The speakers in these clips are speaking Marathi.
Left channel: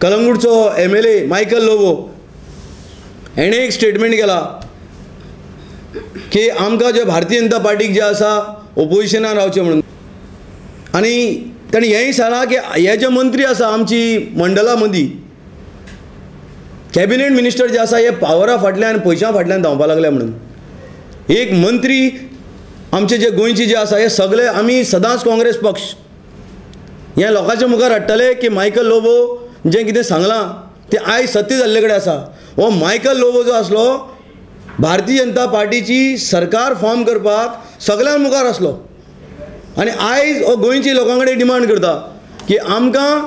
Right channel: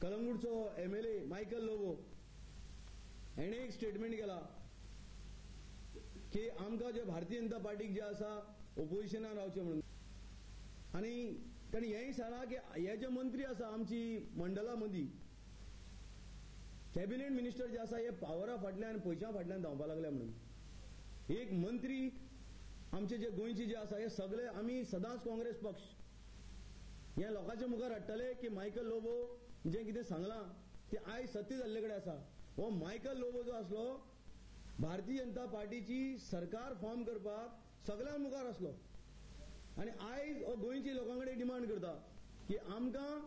कलंगूटचो MLA मायकल लोबो हेणे एक स्टेटमेंट केला की आमकां जे भारतीय जनता पार्टीक जे आसा ओपोजिशनान रावचे म्हणून, आनी ताणें हेंय सांगलां की हे जे मंत्री आसा आमची मंडला मदीं कॅबिनेट मिनिस्टर जे आसा हे पावरा फाटल्यान पयशां फाटल्यान धांवपाक लागल्या म्हणून. एक मंत्री आमचे जे गोंयचे जे आसा हे सगळे आमी सदांच काँग्रेस पक्ष हे लोकांच्या मुखार हाडटले की मायकल लोबो जे कितें सांगलां ते आयज सत्य जाल्ले कडेन आसा. हो मायकल लोबो जो आसलो भारतीय जनता पार्टीची सरकार फॉर्म करपाक सगळ्यां मुखार आसलो आनी आयज हो गोंयच्या लोकां कडेन डिमांड करता की आमकां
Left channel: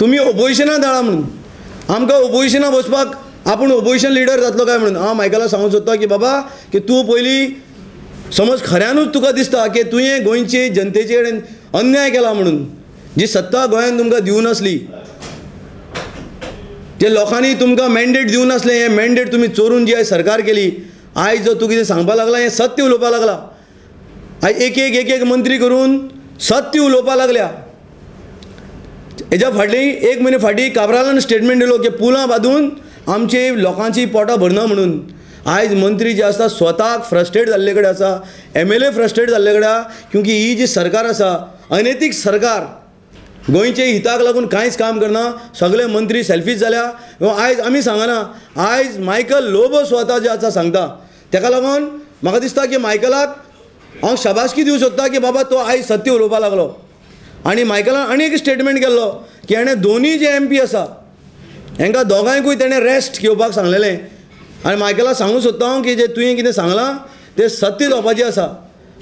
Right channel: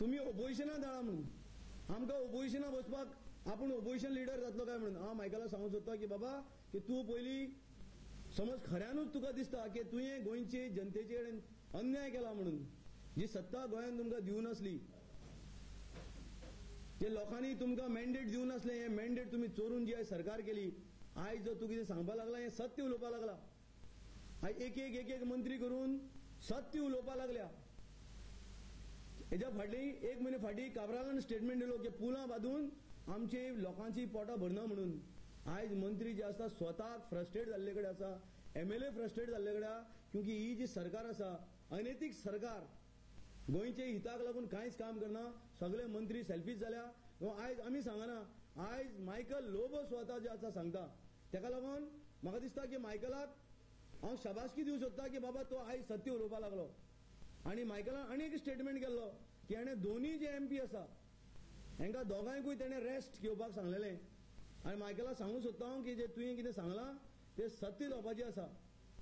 तुमी ओपोजिशनाक धाडा म्हणून. आमकां ओपोजिशनाक बसपाक आपूण ओपोजिशन लिडर जातलो काय म्हणून. हांव मायकलाक सांगूंक सोदता की बाबा की तूं पयलीं समज खऱ्यानूच तुका दिसता की तुवें गोंयचे जनतेचे कडेन अन्याय केला म्हणून, जी सत्ता गोंयांत तुमकां दिवं नासली, जे लोकांनी तुमकां मॅन्डेट दिवं नासलें, हें मॅन्डेट तुमी चोरून जी आयज सरकार केली, आयज जो तूं कितें सांगपाक लागला हें सत्य उलोवपाक लागला. आयज एक एक मंत्री करून सत्य उलोवपाक लागल्या. हेज्या फाटलीं एक म्हयने फाटीं काब्रालान स्टेटमेंट दिलो की पुलां बांदून आमची लोकांची पोटां भरना म्हणून. आयज मंत्री जे आसा स्वताक फ्रस्ट्रेट जाल्ले कडेन आसा, MLA फ्रस्ट्रेट जाल्ले कडेन आसा, क्योंकि ही जी सरकार आसा अनैतीक सरकार, गोंयचे हिताक लागून कांयच काम करना, सगळे मंत्री सेल्फीज जाल्या. आयज आमी सांगना, आयज मायकल लोबो स्वता जे आसा सांगता. तेका लागून म्हाका दिसता की मायकलाक हांव शाबासकी दिवंक सोदता की बाबा तो आयज सत्य उलोवपाक लागलो. आनी मायकलान आनी एक स्टेटमेंट केल्लो की हाणें दोनूय जे MP आसा हांकां दोगांयकूय ताणें रेस्ट घेवपाक सांगलेलें. आनी मायकलाक सांगूंक सोदता हांव की जे तुवें कितें सांगलां तें सत्य जावपाचें आसा.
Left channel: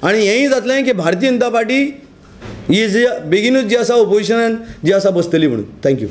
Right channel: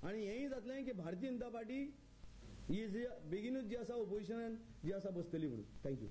आनी हेंय जातलें की भारतीय जनता पार्टी ही जी बेगीनूच जी आसा ओपोजिशनान जी आसा बसतली म्हणून. थँक्यू.